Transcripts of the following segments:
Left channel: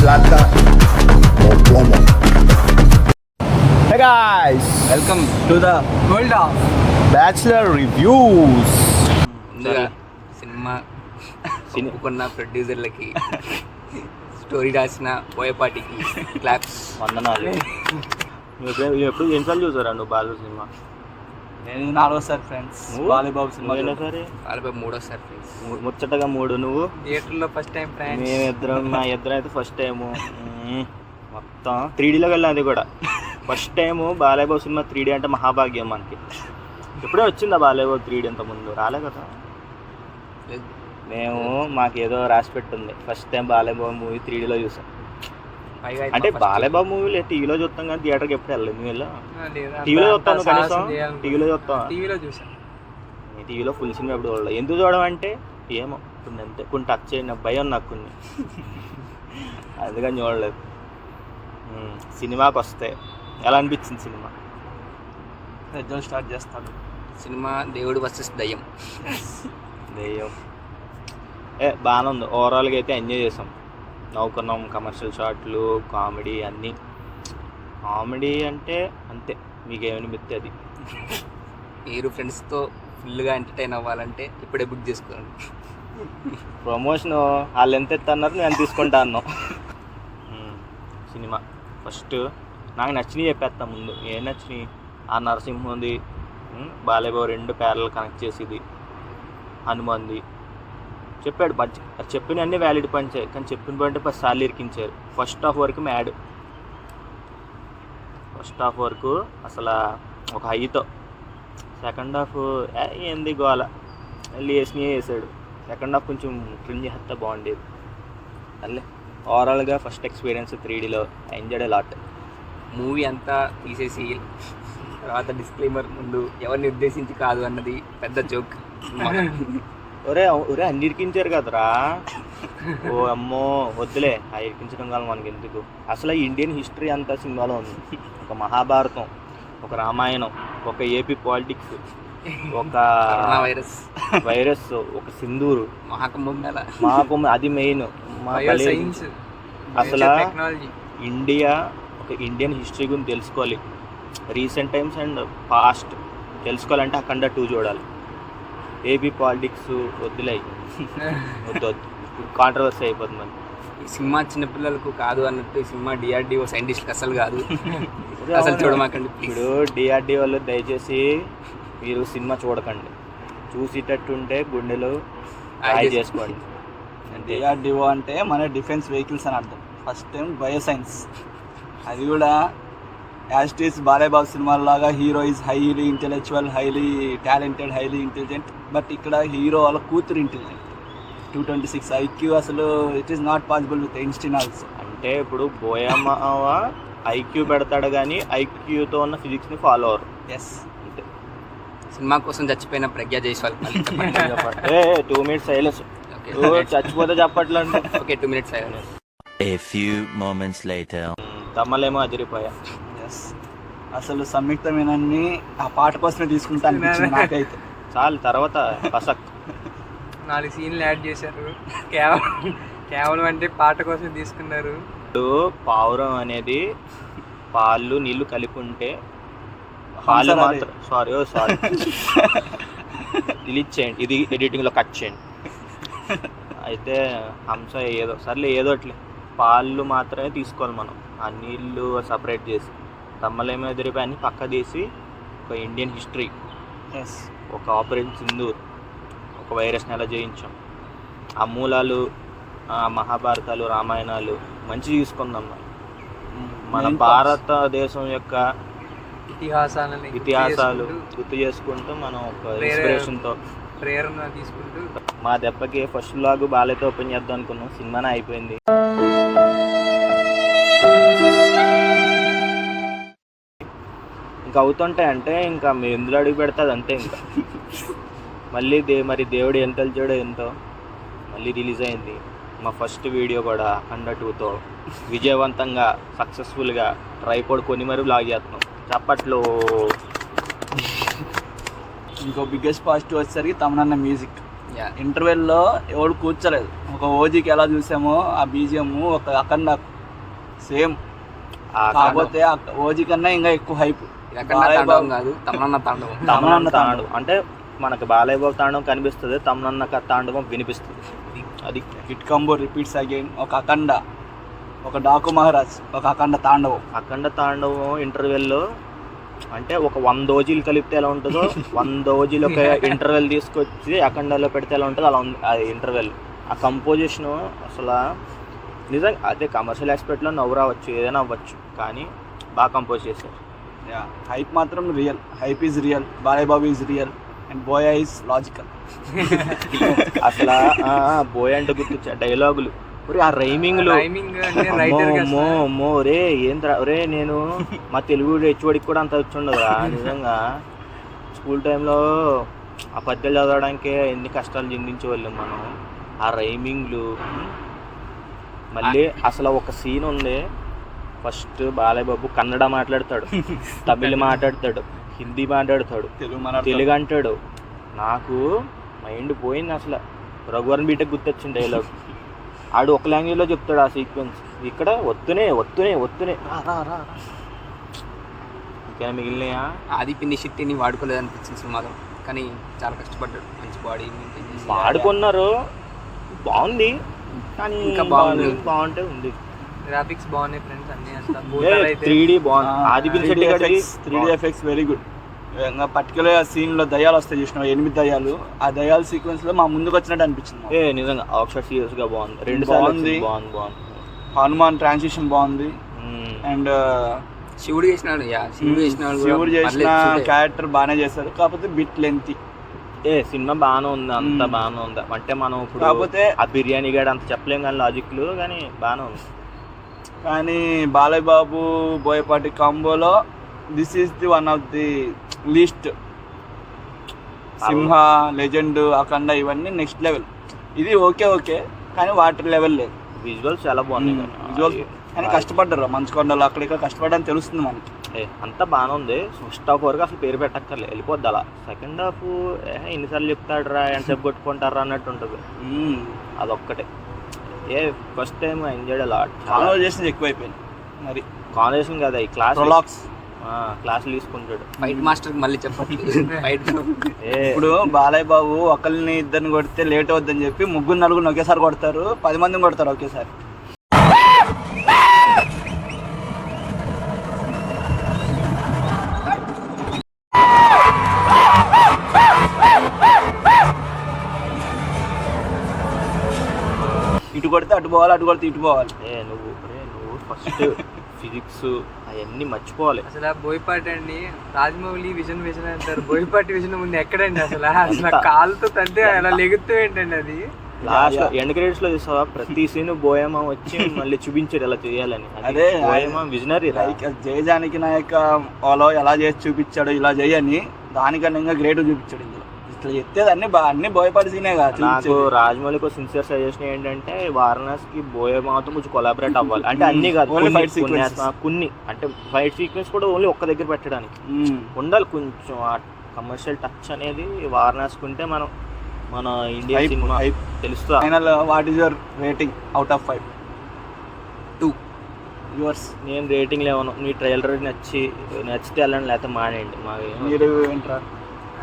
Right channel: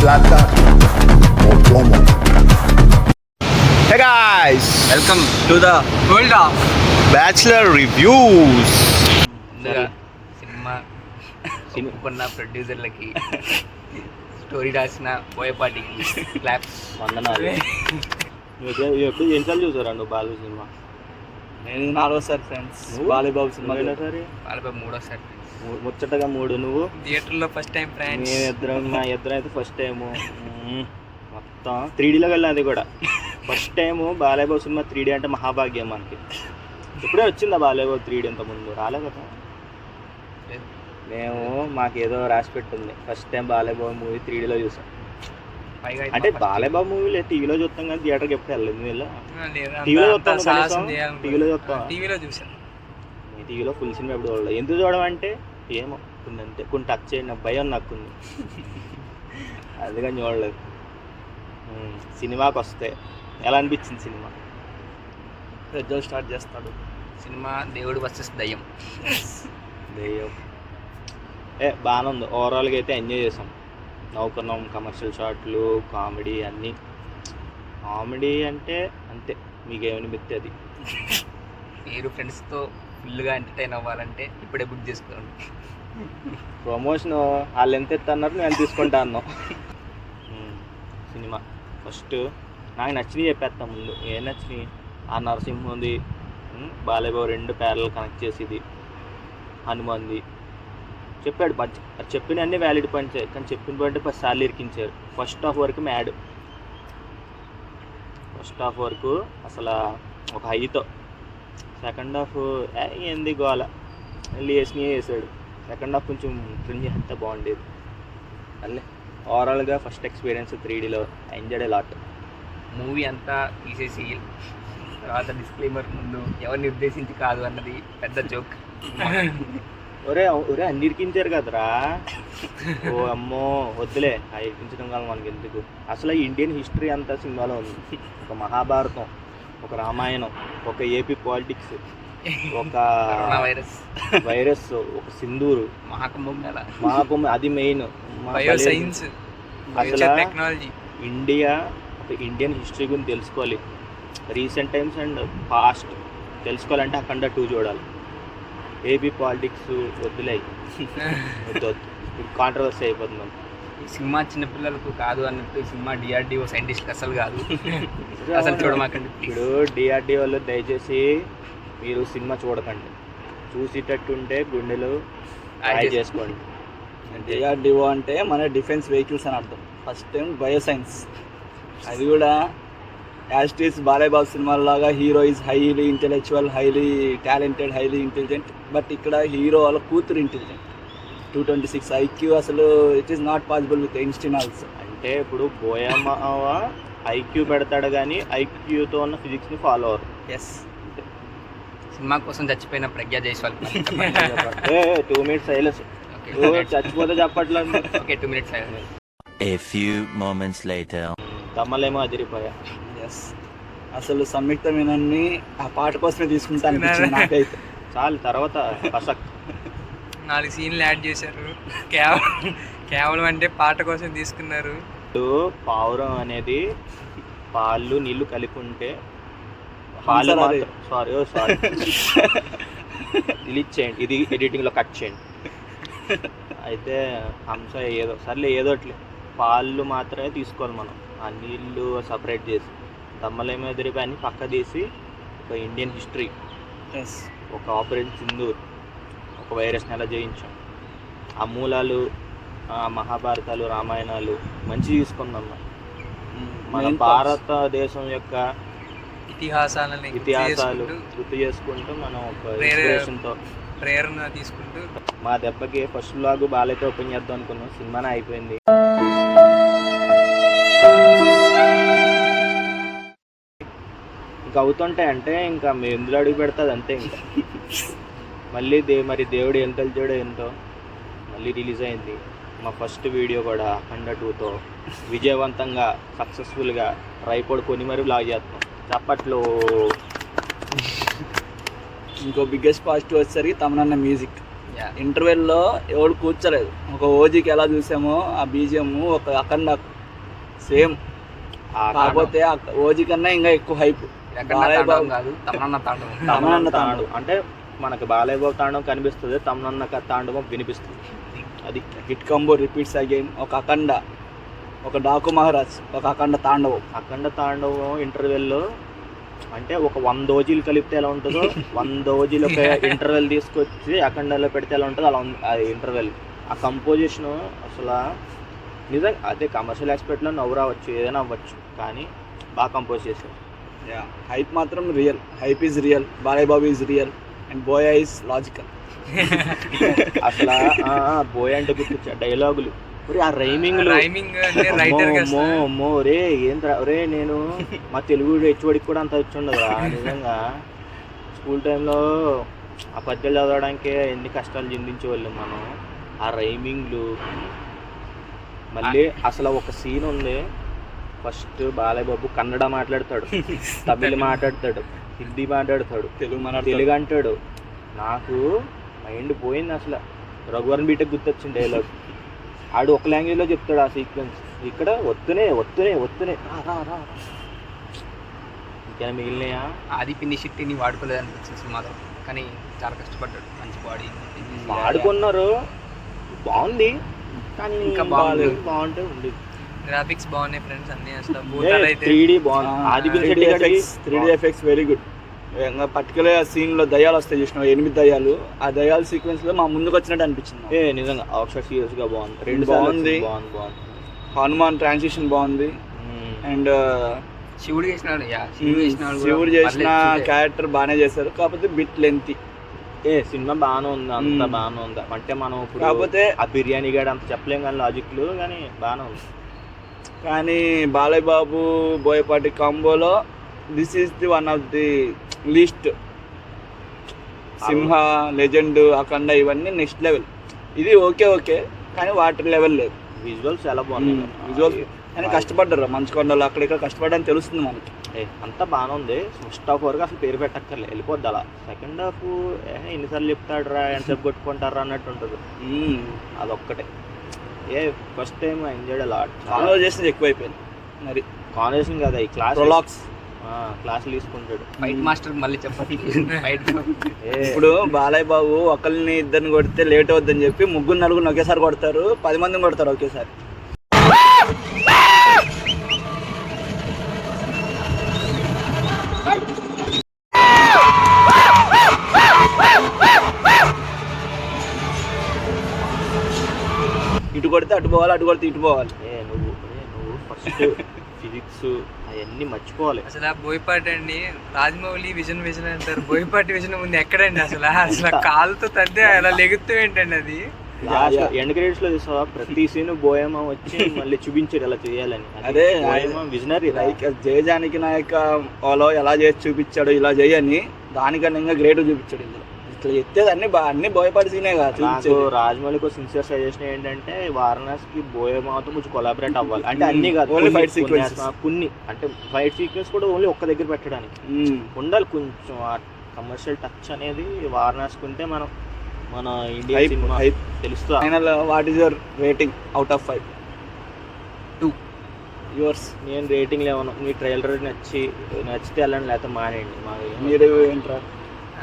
Plata o plomo. Hey guys, welcome to the world of Bachelor Reviews. ముందుగా cinema కొన్న ప్రొడ్యూసర్లకి story రాసిన పోయేపాటికి claps. వందనాలు. నువ్వు ఎప్పుడు ఎన్నిసార్లు చూసారా నువ్వు బాలు సినిమా? నేను 4సారి ఫ్రెండ్స్. బాలీబాబు సినిమా సరే వాళ్ళపై 3సారి ఫ్రెండ్స్. ముచ్చటగా 3 నువ్వు. థియేటర్లో ఫస్ట్ టైం ఫ్రెండ్స్. మా ఇద్దరం అయితే ఫస్ట్ టైము మొత్తం 3Dలోకి వెళ్ళాం. అది కూడా first time Balayya Babu cinema 3D అంటే మహాభాగ్యం మనకి. ఇప్పుడే వచ్చిందా బాలయ్యబాబు 3D అంత ముందు రాలే కదా. మేము మాకేదో రాసి పెట్టింది ఫస్ట్ టైం బాలయ్యబాబు మూవీ 3Dలో చూసాం. అంటే బాలయ్యబాబు మూవీలు టీవీలో చూస్తాం కానీ థియేటర్కి ఎప్పుడు వెళ్ళలేదు. మూవీలో టీవీలో చూస్తాను కనీసం. టీవీలో చూస్తాను. టీవీలో చూసాను. టీవీలో ఫుల్ సినిమా ఎప్పుడు చూడలేదు. ఎందుకు చూడమంటే ఏమో కొన్ని అంతే కొన్ని టచ్ చేయండి భయం నాకు కొన్ని అందుకని చూడలేదు. సినిమాకి వస్తే ఎలా అనిపించింది సినిమా? పెద్దలు స్టార్ట్ చేస్తాడు సినిమా దేవుడు వర్సెస్ దయ్యం. దెయ్యం బాగానే ఉంది. ఓవరాల్గా అయితే ఎంజాయ్ చేసాం, నవ్వుకున్నాం. కమర్షియల్ షాట్లు, కామెడీ అన్నీ. కామెడీ అంటే అంతే, మీకేమనిపిస్తే అది. మీరు ఫ్రెండ్స్తో ఫుల్గా ఎంటర్టైన్ అవ్వాలంటే ఇప్పుడే బుక్ చేసుకోండి. ప్రమోషన్ వాళ్ళు ఎంత ఎత్తన్నారు నేను ఎంత తీసుకుంటా అన్నాం. సినిమా ఫస్ట్ నాకు నచ్చినవి చెప్పేస్తాం ముందు. ఏం నచ్చినాయి? ఆ నరసింహుంది, బాలయ్యబాబు 2 ప్యారల్ కనెక్ట్ చేసేది, హనుమంది చెప్పాడు. అది చెప్పిన అన్నీ వ్యాలిడ్ పాయింట్సే, కానీ చెప్పిన పాయింట్ 10 సార్లు ఇరికించారు. ఫస్ట్ హాఫ్ వరకు మ్యాడ్. ఫస్ట్ హాఫ్ వరకు అసలు ఒక హైతో. సెకండ్ హాఫ్ ఏంది గోల మళ్ళీ వేసాడు. సెకండ్ హాఫ్ కొంచెం క్రింజ్ అంతా బాగుండేది. అల్లే ఓవరాల్గా ఫస్ట్ ఎక్స్పీరియన్స్ 3Dలో ఎంజాయ్ లాట్. మూవీ అంతా తీసేసి తర్వాత డిస్క్లైమర్ ముందు ఎవరిని ఉద్దేశించి కాదు అన్నది పెద్ద జోక్. ఒరే అన్ని ఇరికించారు కదరా. ఓ అమ్మో వద్దులే ఆ ఇరికించడం కాదు మనకి ఎందుకు. అసలు ఇండియన్ హిస్టరీ అంతా సినిమాలో ఉంది. ఒక మహాభారతం, ఒక రామాయణం, ఒక ఏపీ పాలిటిక్స్, ఒక వైరస్, ఒక సింధూరు, మహాకుంభం అది మెయిన్. అసలు ఇండియా ఒక ఇండియన్ హిస్టరీ గురించి తెలుసుకోవాలి, రీసెంట్ టైమ్స్ అండ్ పాస్ట్ తెలుసుకోవాలంటే అఖండ 2 చూడాలి. ఏపీ పాలిటిక్స్ వద్దులే, వద్దు ఇప్పుడు కాంట్రవర్సీ అయిపోతుంది. ఈ సినిమా చిన్నపిల్లలకు కాదు అన్నట్టు ఈ సినిమా DRDO సైంటిస్ట్ అసలు కాదు. అసలు చూడమాకండి. ఇప్పుడు DRDO వాళ్ళు దయచేసి మీరు సినిమా చూడకండి. చూసేటట్టుంటే గుండెలు హాయ్ చేసుకోండి. DRDO అంటే మన డిఫెన్స్ వెహికల్స్ అని అర్థం. First time bioscience. అది కూడా యాస్టీస్ Balayya Babu సినిమాలాగా hero is highly intellectual, highly talented, highly intelligent. But ఇక్కడ హీరో వాళ్ళ కూతురు ఇంటెలిజెంట్. 226 IQ. అసలు it is not possible with Einstein also. అంటే ఇప్పుడు బోయమ్మ IQ పెడతాడు కానీ IQతో ఉన్న ఫిజిక్స్ని ఫాలో అవ్వరు. ఎస్. సినిమా కోసం చచ్చిపోయిన ప్రజ్ఞా జైస్వాల్ 2 minutes సైలెన్స్. చచ్చిపోతే చెప్పట్లేదు. Okay 2 minutes silence. A few moments later. తమ్మలేమో అదిరిపోయా. Yes. అసలు సంయుక్తమైనన్ని ఆ పాట కోసమే తీసుకుంటా అనిపించింది నాకైతే. చాలు తర్వాత పసక్ 4 సీన్లు యాడ్ చేశారు. కేవలం అంటే పాట కోసం తీసుకున్నారు. పావురం అనేది పాలు నీళ్లు కలిపి ఉంటే సారీ డిలీట్ చేయండి, ఇది ఎడిటింగ్లో కట్ చేయండి. అయితే హంస ఏదో సర్లే ఏదోట్లే పాలు మాత్రమే తీసుకోవాలి మనం. ఆ నీళ్ళు సపరేట్ చేసి తమ్మలేమో ఎదిరిపోయి అన్ని పక్క తీసి ఒక ఇండియన్ హిస్టరీ, ఒక ఆపరేషన్ సింధూర్, ఒక వైరస్ని ఎలా జయించాం, ఆ మూలాలు, మహాభారతాలు, రామాయణాలు మంచి తీసుకుందాం. మన భారతదేశం యొక్క ఇతిహాసాలు గుర్తు చేసుకుంటూ మనం ఒక ఇన్స్పిరేషన్తో ప్రేరణ తీసుకుంటూ మా దెబ్బకి ఫస్ట్ వ్లాగ్ బాలైతే ఓపెన్ చేద్దాం అనుకున్నాం. సినిమానే అయిపోయింది. ఇంకా అవుతుంటాయి అంటే ఇంకా మేము ఎందులో అడుగు పెడుతుంది అంతే. ఇంకా మళ్ళీ మరి దేవుడు ఎంత తెలిసాడో ఎంతో మళ్ళీ రిలీజ్ అయింది. మా ఫస్ట్ వీడియో కూడా అఖండ 2తో విజయవంతంగా సక్సెస్ఫుల్గా ట్రైపాడ్ కొని మరి బ్లాగ్ చేస్తున్నాం. చప్పట్లో. ఇంకో బిగ్గెస్ట్ పాజిటివ్ వచ్చేసరికి తమనన్న మ్యూజిక్. Yeah. ఇంటర్వెల్లో ఎవడు కూర్చోలేదు. ఒక ఓజీకి ఎలా చూసామో ఆ బీజిఎం ఒక అఖండ సేమ్, కాకపోతే ఓజీ కన్నా ఇంకా ఎక్కువ హైప్. బాలయ్య బాబు కాదు, తమనన్న తాండవం. తమనన్న తాండవం అంటే మనకు బాలయ్య బాబు తాండవం కనిపిస్తుంది, తమనన్న తాండవం వినిపిస్తుంది. అది హిట్ కాంబో రిపీట్స్ అగైన్. ఒక అఖండ, ఒక డాకు మహారాజ్, ఒక అఖండ తాండవం. అఖండ తాండవం ఇంటర్వెల్లో అంటే ఒక 100 ఓజీలు కలిపితే ఎలా ఉంటుందో 100 ఓజీలు ఒక ఇంటర్వెల్ తీసుకొచ్చి అఖండలో పెడితే ఎలా ఉంటుందో అలా ఉంది అది ఇంటర్వెల్. ఆ కంపోజిషను అసలు నిజంగా అదే కమర్షియల్ ఆస్పెక్ట్లో నవ్వు రావచ్చు, ఏదైనా అవ్వచ్చు, కానీ బాగా కంపోజ్ చేశారు. హైప్ మాత్రం real. Hype is real, Balayya Babu is real and buoy is logical. అసలు బోయ్ అంటే గుర్తొచ్చా డైలాగులు, ఆ రైమింగ్లు రే ఏంద్రా రే. నేను మా తెలుగు హెచ్ఓడికి కూడా అంత వచ్చి ఉండదురా నిజంగా. స్కూల్ టైంలో ఆ పద్యాలు చదవడానికే ఎన్ని కష్టాలు చిందించే వాళ్ళం మనం. ఆ రైమింగ్లు మళ్ళీ అసలు ఒక సీన్ ఉంది. ఫస్ట్ బాలయ్య బాబు కన్నడ మాట్లాడతాడు, తమిళ్ మాట్లాడతాడు, హిందీ మాట్లాడతాడు, తెలుగు అంటాడు. నాకు మైండ్ పోయింది అసలు. రఘువరన్ బీటెక్ గుర్తొచ్చింది డైలాగ్. ఆడు ఒక లాంగ్వేజ్లో చెప్తాడు ఆ సీక్వెన్స్, ఇక్కడ వత్తునే ఇంకా మిగిలినాయా. ఆది పిన్ని శక్తిని వాడుకోలేదు అనిపించింది సినిమాలో, కానీ చాలా కష్టపడ్డాడు. మంచి బాడీ వాడుకున్నారు, బాగుంది, కానీ ఇంకా బాగుంటే ఉంది. గ్రాఫిక్స్ బాగున్నాయి ఫ్రెండ్స్ అన్ని. అసలు 3D బాగుంది. ఆది 3D effects very good. Particular సీన్లో దయ్యాలు వస్తాయి చూసినావు, 8 దయ్యాలు. ఆ దయ్యాల సీక్వెన్స్లో మా ముందుకు వచ్చినట్టు అనిపించింది. నిజంగా ఆక్షర్ సీరియస్గా బాగుంది. 2 బాగుంది. హనుమాన్ ట్రాన్సిషన్ బాగుంది. అండ్ శివుడు చేసినాడు, శివుడు చేసిన క్యారెక్టర్ బాగానే చేశారు, కాకపోతే బిట్ లెంతీ. సినిమా బాగానే ఉంది, అంత బాగానే ఉంది. అంటే మనం ఇప్పుడు కాకపోతే ఆ బిర్యానీ గాడు అంత చెప్పలేం కానీ లాజిక్లు, కానీ బాగానే ఉంది. కానీ బాలయ్య బాబు బోయపాటి కాంబోలో this is the one of the least. Simha, Legend, Akhanda ఇవన్నీ నెక్స్ట్ లెవెల్. ఇది ఓకే కానీ వాటర్ లెవెల్ లేదు. విజువల్స్ చాలా బాగున్నాయి. విజువల్స్ కానీ కష్టపడ్డారు మంచుకొండలు అక్కడ ఇక్కడ కష్టపడని తెలుస్తుంది మనకి. అంతా బాగానే ఉంది. ఫస్ట్ హాఫ్ వరకు అసలు పేరు పెట్టక్కర్లే, వెళ్ళిపోద్ది అలా. సెకండ్ హాఫ్ ఎన్నిసార్లు చెప్తాడు రా, ఎంతసేపు కొట్టుకుంటారా అన్నట్టు ఉంటుంది. అదొక్కటే. ఫస్ట్ టైం ఎంజాయ్ అలా. కాన్వర్జేషన్ ఎక్కువైపోయింది. మరి కాన్వర్జేషన్ కదా, ఈ క్లాస్ క్లాసులు తీసుకుంటాడు. ఫైట్ మాస్టర్ మళ్ళీ చెప్పండి. ఇప్పుడు బాలయ్య బాబు ఒకరిని ఇద్దరిని కొడితే లేట్ అవుద్దని చెప్పి 3-4 ఒకేసారి కొడతారు, 10 మందిని కొడతారు ఒకేసారి. ఇటు కొడితే అటు పోవాలి, అటు కొడితే ఇటు పోవాలి. నువ్వు ఫస్ట్ ఫిజిక్స్ అవన్నీ మర్చిపోవాలి. అసలు బోయపాటి అండి, రాజమౌళి విజన్ అంటారు, బోయపాటి విజన్ ముందు ఎక్కడండి అసలు కాలుతో తంటే అలా లెగుతూ ఏంటండి అది. ఎండ్ క్రెడిట్స్ లో చూసావా, ప్రతి సీన్ బోయమా వచ్చి మళ్ళీ చూపించాడు ఎలా చేయాలని. అదే విజనరీ. జయజానికి నాయక వాళ్ళు ఎలా చేసి చూపించాడు, ఇలా చేయని దానికన్నా ఇంకా గ్రేట్ చూపించాడు. ఇందులో ఇట్లా చెప్తేది అన్ని బోయపాటి సీనే కదా. నాకు రాజమౌళికి సిన్సియర్ సజెషన్ ఏంటంటే వారణాసికి బోయమాతో కొంచెం కొలాబరేట్ అవ్వాలి. అంటే అన్ని కాదు, కొన్ని అంటే ఫైట్ సీక్వెన్స్ కూడా ఓన్లీ ఒక్క దగ్గర పెట్టడానికి ఉండాలి. కొంచెం కమర్షియల్ టచ్ అనేది వారణాసికి ఉంటే మన ఇండియా సినిమా తెలుస్తుంది. Final what is your rating out of 5? 2. Yours? నేను రేటింగ్ లేవను. నీ ట్రైలర్ నచ్చితే వెళ్ళండి, లేకపోతే మానేయండి. మీరు ఏంట్రా?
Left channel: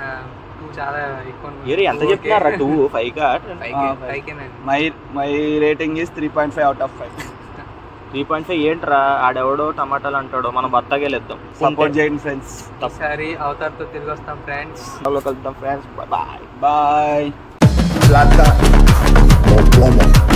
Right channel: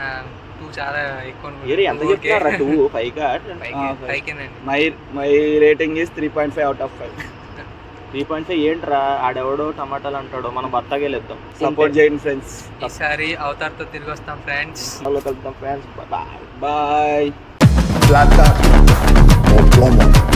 2 చాలా ఎక్కువ. ఎంత చెప్తున్నారా? 2, 5 my rating is 3.5 out of 5. 3.5 ఏంట్రా? ఆడెవడో టమాటాలు అంటాడో, మనం బత్తాగే లేద్దాం. సపోర్ట్ చేయండి ఫ్రెండ్స్. ఈసారి అవతార్తో తిరిగి వస్తాం ఫ్రెండ్స్. కలుద్దాం friends. Bye bye. Plata o plomo.